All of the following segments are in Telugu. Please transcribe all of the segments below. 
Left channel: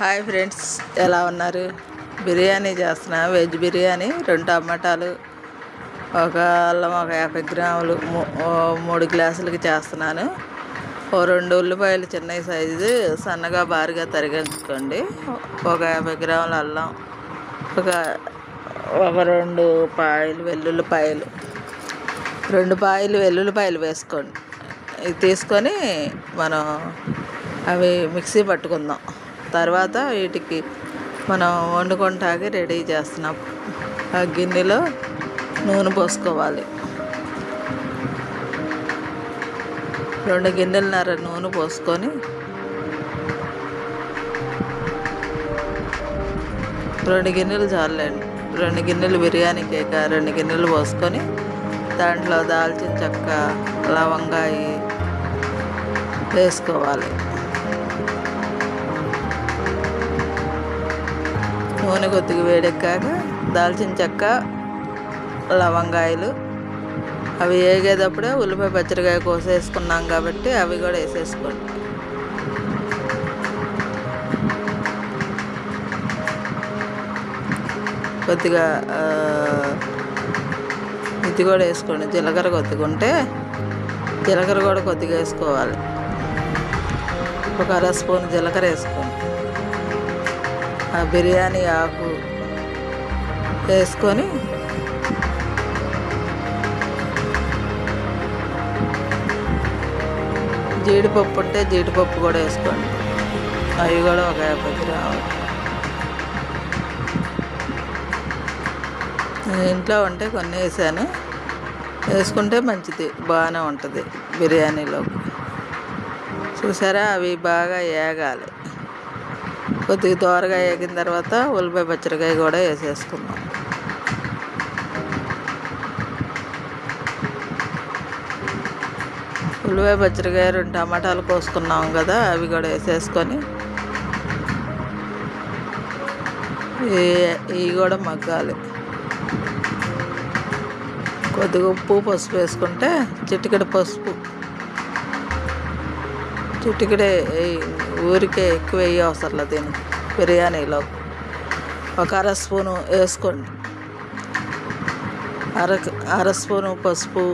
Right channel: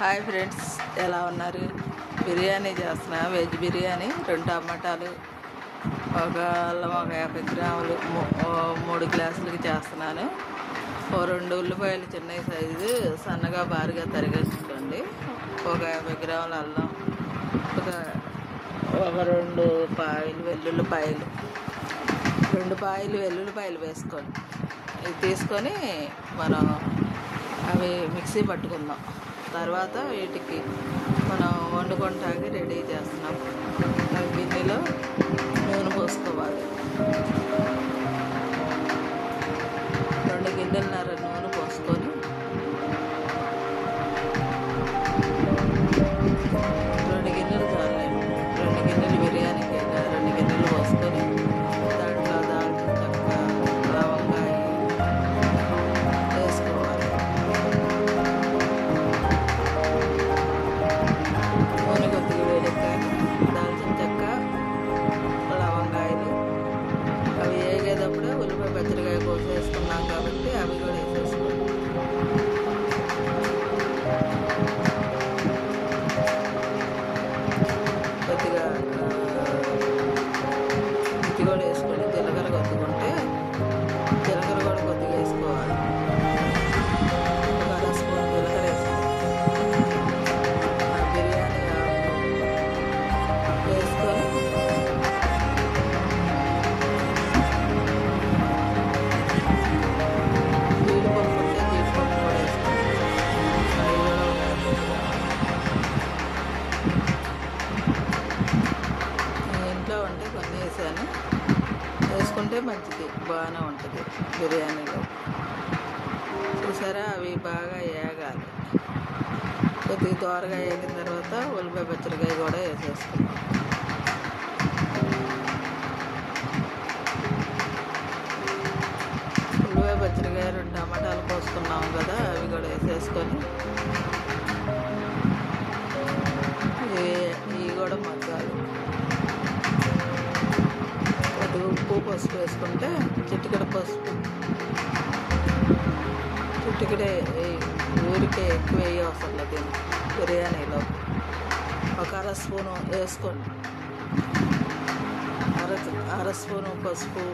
హాయ్ ఫ్రెండ్స్, ఎలా ఉన్నారు? బిర్యానీ చేస్తున్నా. వెజ్ బిర్యానీ 2 టమాటాలు, ఒక అల్లం, ఒక 50 గ్రాములు, 3 గ్లాసులకి చేస్తున్నాను. 2 ఉల్లిపాయలు చిన్న సైజు సన్నగా బారుగా తరిగించుకోండి. ఒక 50 గ్రాముల అల్లం, ఒక ఒక 2 పాయలు వెల్లుల్లిపాయలు, 2 పాయలు వెల్లుల్లిపాయలు వేసుకోండి. ఇది తీసుకొని మనం అవి మిక్సీ పట్టుకుందాం. తర్వాత వీటికి మనం వండుకుంటాకి రెడీ చేస్తున్నాం. ఆ గిన్నెలో నూనె పోసుకోవాలి. 2 గిన్నెలన్నర నూనె పోసుకొని 2 గిన్నెలు చాలండి. 2 గిన్నెలు బిర్యానీకి 2 గిన్నెలు పోసుకొని దాంట్లో దాల్చిన చెక్క, లవంగాయి వేసుకోవాలి. నూనె కొద్దిగా వేడెక్కాక దాల్చిన చెక్క, లవంగాయలు అవి వేగేటప్పుడే ఉల్లిపాయ పచ్చడికాయ కోసేసుకున్నాం కాబట్టి అవి కూడా వేసేసుకోండి. కొద్దిగా ఇది కూడా వేసుకోండి. జీలకర్ర కొద్దిగా ఉంటే జీలకర్ర కూడా కొద్దిగా వేసుకోవాలి. ఒక 1/2 స్పూన్ జీలకర్ర వేసుకోండి. ఆ బిర్యానీ ఆకు వేసుకొని జీడిపప్పు ఉంటే జీడిపప్పు కూడా వేసుకోండి. అవి కూడా ఒక 50 గ్రాములు. ఇంట్లో ఉంటే కొన్ని వేసాను. వేసుకుంటే మంచిది, బాగానే ఉంటుంది బిర్యానీలో. చూసారా, అవి బాగా వేగాలి. కొద్దిగా దోరగా వేగిన తర్వాత ఉల్లిపాయ పచ్చడికాయ కూడా వేసేసుకుందాం. ఉల్లిపాయ పచ్చడికాయ 2 టమాటాలు కోసుకున్నాం కదా, అవి కూడా వేసేసుకొని ఇవి కూడా మగ్గాలి. కొద్దిగా ఉప్పు, పసుపు వేసుకుంటే చిటికెడు పసుపు, చిటికెడే ఊరికే ఎక్కువ వేయ అవసరం లేదు. దీనికి బిర్యానీలో ఒక 1/2 స్పూను వేసుకోండి. 1/2 స్పూను పసుపు,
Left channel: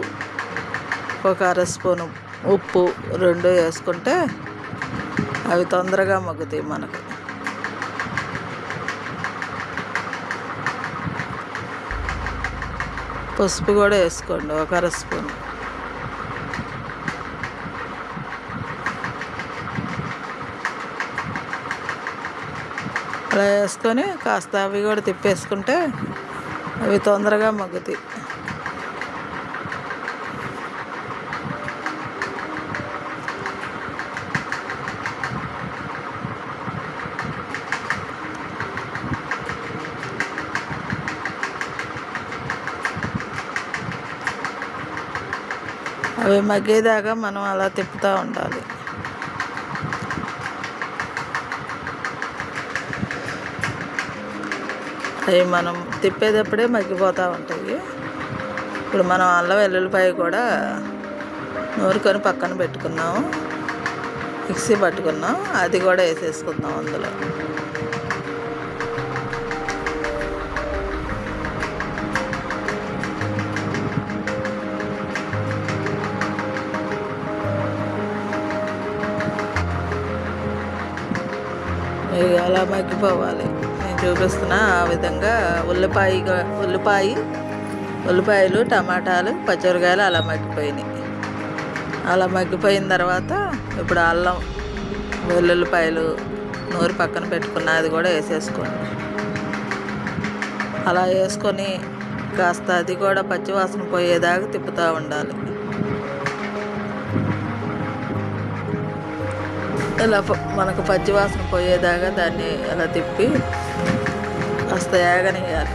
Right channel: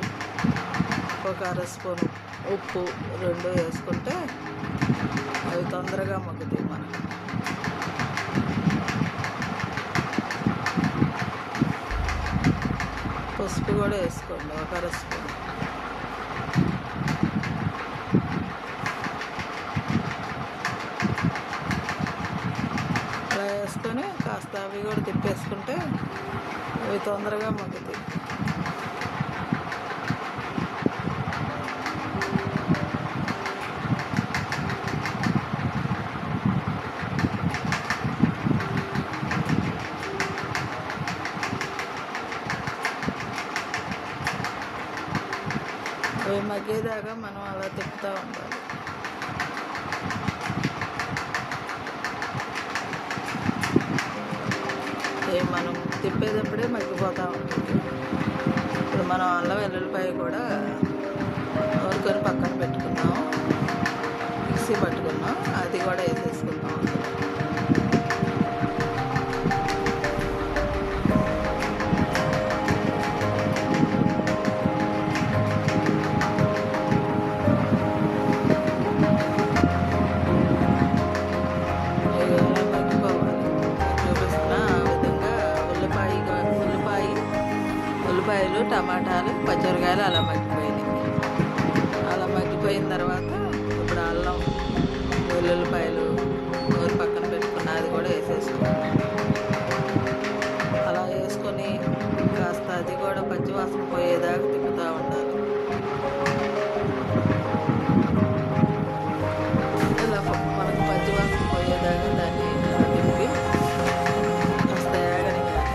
ఒక 1/2 స్పూను ఉప్పు 2 వేసుకుంటే అవి తొందరగా మగ్గుతాయి మనకు. పసుపు కూడా వేసుకోండి, ఒక 1/2 స్పూన్. అలా వేసుకొని కాస్త అవి కూడా తిప్పేసుకుంటే అవి తొందరగా మగ్గుతాయి. అవి మగ్గేదాకా మనం అలా తిప్పుతూ ఉండాలి. అవి మనం తిప్పేటప్పుడే మగ్గిపోతూ ఉంటుంది. ఇప్పుడు మనం అల్లం వెల్లుల్లిపాయ కూడా నూరుకొని పక్కన పెట్టుకున్నాము, మిక్సీ పట్టుకున్నాం. అది కూడా వేసేసుకుందాం అందులో. ఇది అలా మగ్గిపోవాలి. నేను చూపిస్తున్నా ఆ విధంగా. ఉల్లిపాయలు, టమాటాలు, పచ్చిమిరకాయలు అలా మగ్గిపోయినాయి. అలా మగ్గిపోయిన తర్వాత ఇప్పుడు అల్లం, వెల్లుల్లిపాయలు నూరి పక్కన పెట్టుకున్న అది కూడా వేసేసుకోండి. అలా వేసుకొని కాస్త అది కూడా పచ్చివాసన పోయేదాకా తిప్పుతూ ఉండాలి. ఇలా మనకు పచ్చివాసన పోయేదాకా దాన్ని అలా తిప్పి కాస్త ఏగనియాలి.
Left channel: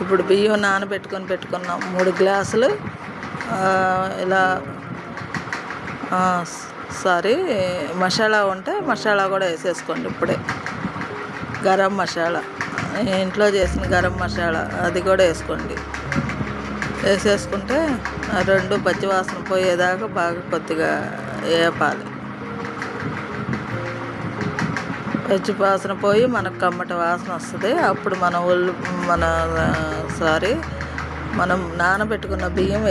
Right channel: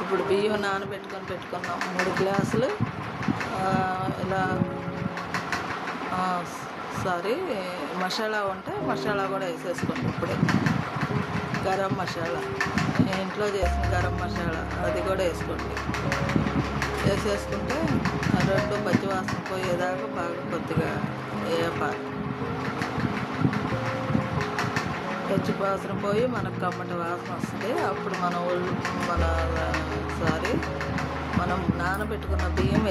ఇప్పుడు ఇప్పుడు బియ్యం పెట్టుకున్నాం 3 గ్లాసులు. ఇలా మసాలా ఉంటే మసాలా కూడా వేసేసుకోండి. ఇప్పుడే గరం మసాలా, ఇంట్లో చేసిన గరం మసాలా అది కూడా వేసుకోండి. వేసేసుకుంటే 2 పచ్చి వాసన పోయేదాకా బాగా కొద్దిగా వేపాలి. పచ్చి వాసన పోయి మనకు కమ్మటి వాసన వస్తుంది. అప్పుడు మనం నానబెట్టుకున్న బియ్యం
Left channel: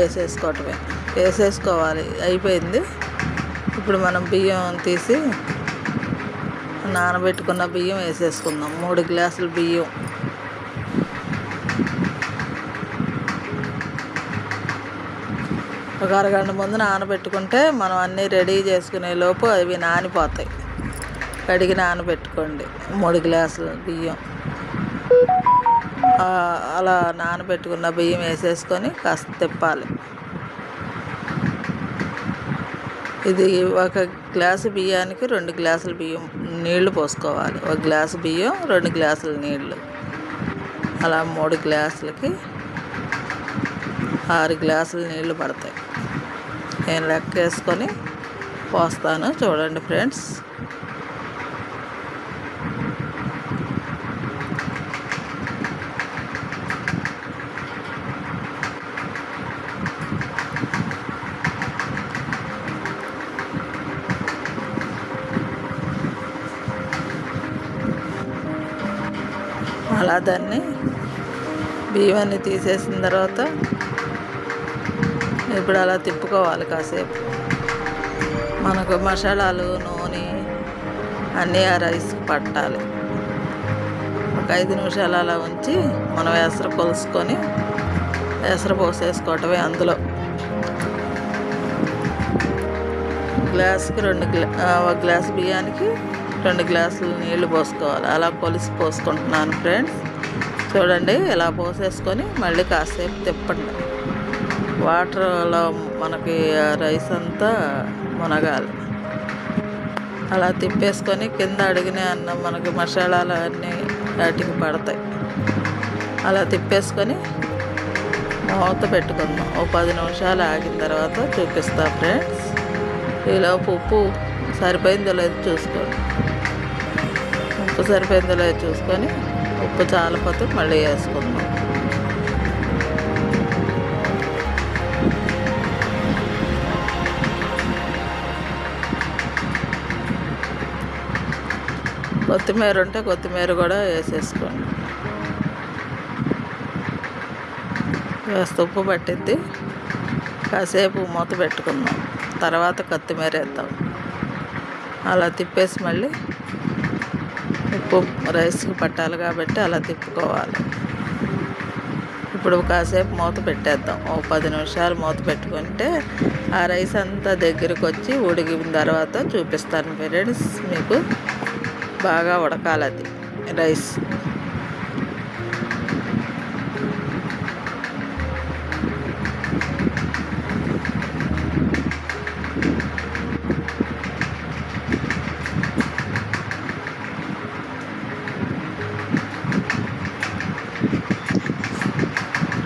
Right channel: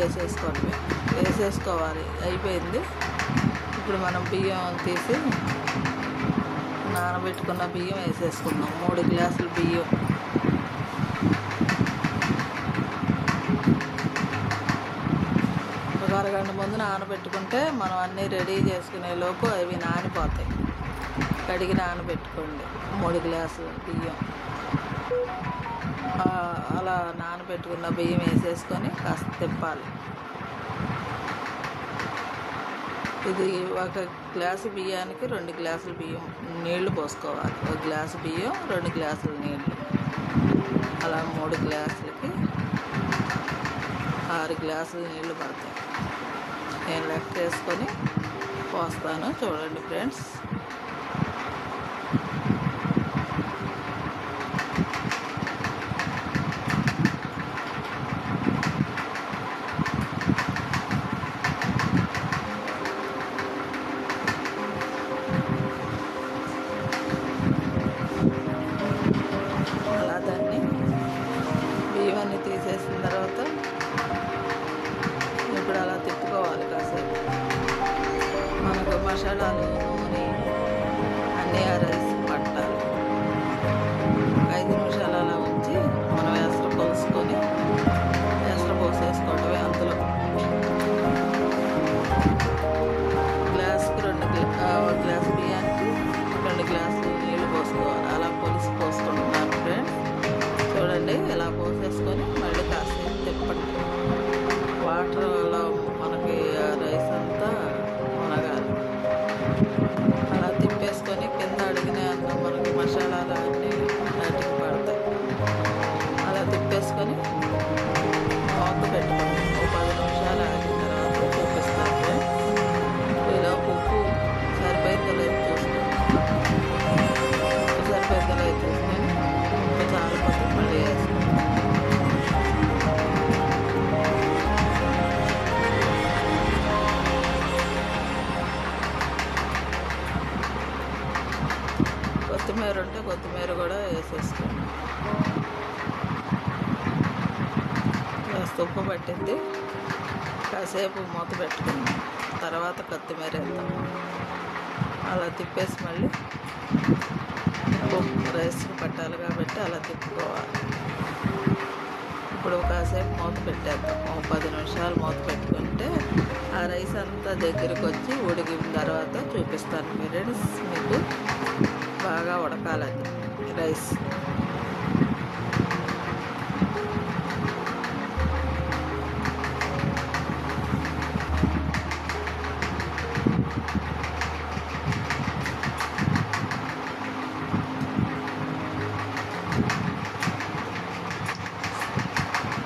వేసేసుకోవాలి. అయిపోయింది. ఇప్పుడు మనం బియ్యం తీసి నానబెట్టుకున్న బియ్యం వేసేసుకుందాం. 3 గ్లాసులు బియ్యం. ఒక అరగంట ముందు నానబెట్టుకుంటే మనం అన్నీ రెడీ చేసుకునే లోపు అవి నానిపోతాయి. కడిగి నానబెట్టుకోండి 3 గ్లాసులు బియ్యం. అలా నానబెట్టుకున్న బియ్యం వేసేసుకొని కాస్త తిప్పాలి. ఇది 1 గ్లాసు బియ్యానికి 2 గ్లాసుల నీళ్లు పోసుకోవాలి. 1 గ్లాసు బియ్యం 2 గ్లాసుల నీళ్లు. అలా 3 గ్లాసులకి 6 గ్లాసుల నీళ్లు పడతాయి. నేను లెక్క వేసుకొని పోస్తాను, చూడండి ఫ్రెండ్స్. అలా దాన్ని బియ్యాన్ని తీసేసిన తర్వాత ఇప్పుడు అలా తిప్పుకోవాలి కాసేపు. మనకు మసాలాలు, నూనె అన్నీ ఆ రైస్ పట్టాలి. ఒక 5 నిమిషాలు అలా ఉంచి మనం ఎసరు కొలుసుకొని ఎసరు పోసేసుకోవటమే. అందులో గ్లాసుకి 1 గ్లాసు బియ్యానికి 2 గ్లాసులు నీళ్లు పోసుకోవాలి. అలా పోసుకుంటున్నాను ఫ్రెండ్స్. చూడండి, ఇలా పోసేసుకొని మళ్ళీ కాసేపు తిప్పండి. వాటర్లో మనకి రైస్ అంతా మునగాలి. అలా తిప్పేసుకొని కింద అడిగిన అన్నం మనకి మసాలాలు అన్నీ వాటికి పడతాయి. అలా తిప్పేసుకొని మూత పెట్టుకుందాం. 10 నిమిషాలు ఆగిన తర్వాత చూపిస్తా ఫ్రెండ్స్. ఈలోపు ఉప్పు సరిపోయిందో లేదో చూసుకోండి. ఉప్పు సరిపోయిందో లేదో చూసుకొని ఉప్పు చాలపోతే మళ్ళీ వేసుకుందాం. కొత్తిమీర ఉంటే కొత్తిమీర కూడా వేసేసుకోండి. వేస్తే ఉప్పు పట్టిద్ది. కాసేపు మూత పెట్టుకుందాం. తర్వాత కొత్తిమీర వేద్దాం. అలా తిప్పేసి మళ్ళీ ఉప్పు రైస్కి పట్టాలి కాబట్టి అలా తిప్పుకోవాలి. ఇప్పుడు కాసేపు మూత పెట్టేద్దాం. 10 నిమిషాలు మూత పెట్టుకుంటే ఆ రైస్ అంతా దగ్గరికి వచ్చి ఉడికిన తర్వాత చూపిస్తాను ఫ్రెండ్స్. మీకు బాగా ఉడకాలి అది రైస్.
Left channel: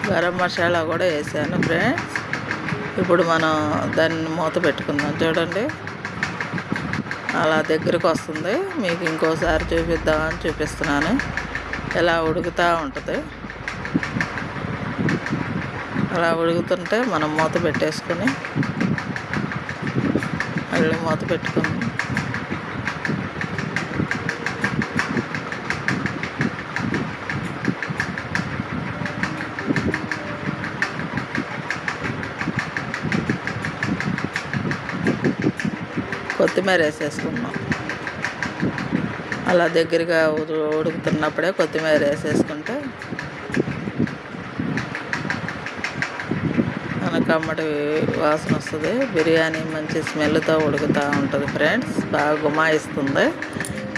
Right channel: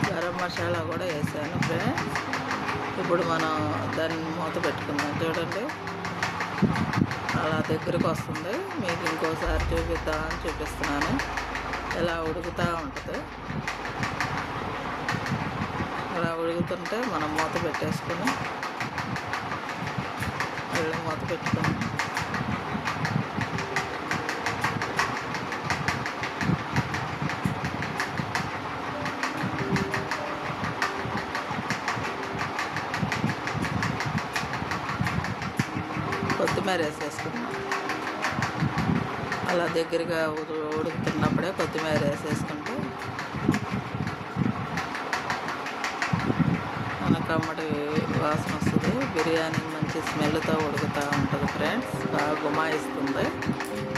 గరం మసాలా కూడా వేసాను ఫ్రెండ్స్. ఇప్పుడు మనం దాన్ని మూత పెట్టుకుందాం. చూడండి, అలా దగ్గరకు వస్తుంది. మీకు ఇంకోసారి చూపిద్దామని చూపిస్తున్నాను. ఎలా ఉడుకుతూ ఉంటుంది. అలా ఉడుకుతుంటే మనం మూత పెట్టేసుకొని మళ్ళీ మూత పెట్టుకుందాం. కొత్తిమీర వేసేసుకున్నాం. అలా దగ్గరగా ఉడుకుతున్నప్పుడే కొత్తిమీర వేసేసుకుంటే మనకు కమ్మటి వాసన వస్తుంది. బిర్యానీ మంచి స్మెల్తో ఉడుకుతూ ఉంటుంది ఫ్రెండ్స్. బాగా గుమాయిస్తుంది.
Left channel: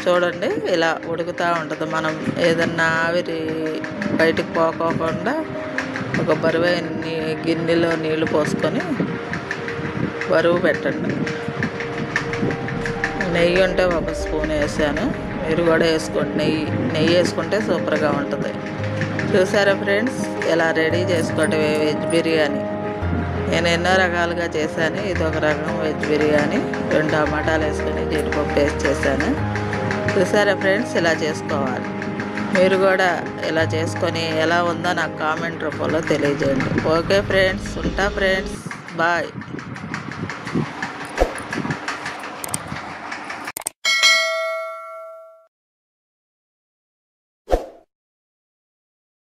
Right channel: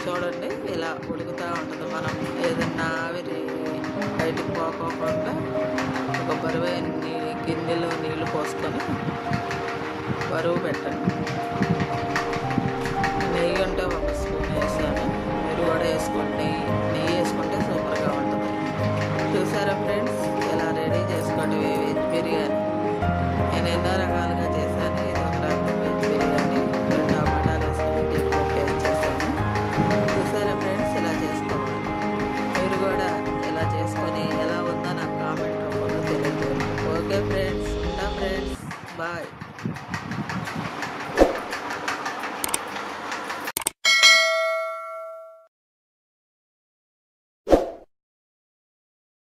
చూడండి, ఇలా ఉడుకుతూ ఉంటుంది. మనం ఏదన్నా ఆవిరి బయటికి పోకోకుండా ఒక బరువైన గిన్నెలో నీళ్లు పోసుకొని బరువు పెట్టండి. నెయ్యి ఉంటే 1 స్పూన్ వేసాను. మీరు కూడా వేసుకోండి. నెయ్యి వేసుకుంటే సూపర్గా ఉంటుంది. చూసారా ఫ్రెండ్స్, ఎలా రెడీ చేసుకోవటం వెజ్ బిర్యానీ. నేను ఎన్నో రకాలుగా చేశాను. ఇది ఒక రకం వెజ్ బిర్యానీ. 2 టమాటాలు వేసుకొని జీడిపప్పు టేస్ట్ చేశాను. చూసారా ఫ్రెండ్స్, ఇలా చేసుకోవాలి. మీరు కూడా ఇలా చేసుకొని ఎలా ఉందో నాకు కామెంట్ రూపంలో తెలియజేయండి. ఓకే ఫ్రెండ్స్, ఉంటా ఫ్రెండ్స్, బాయ్.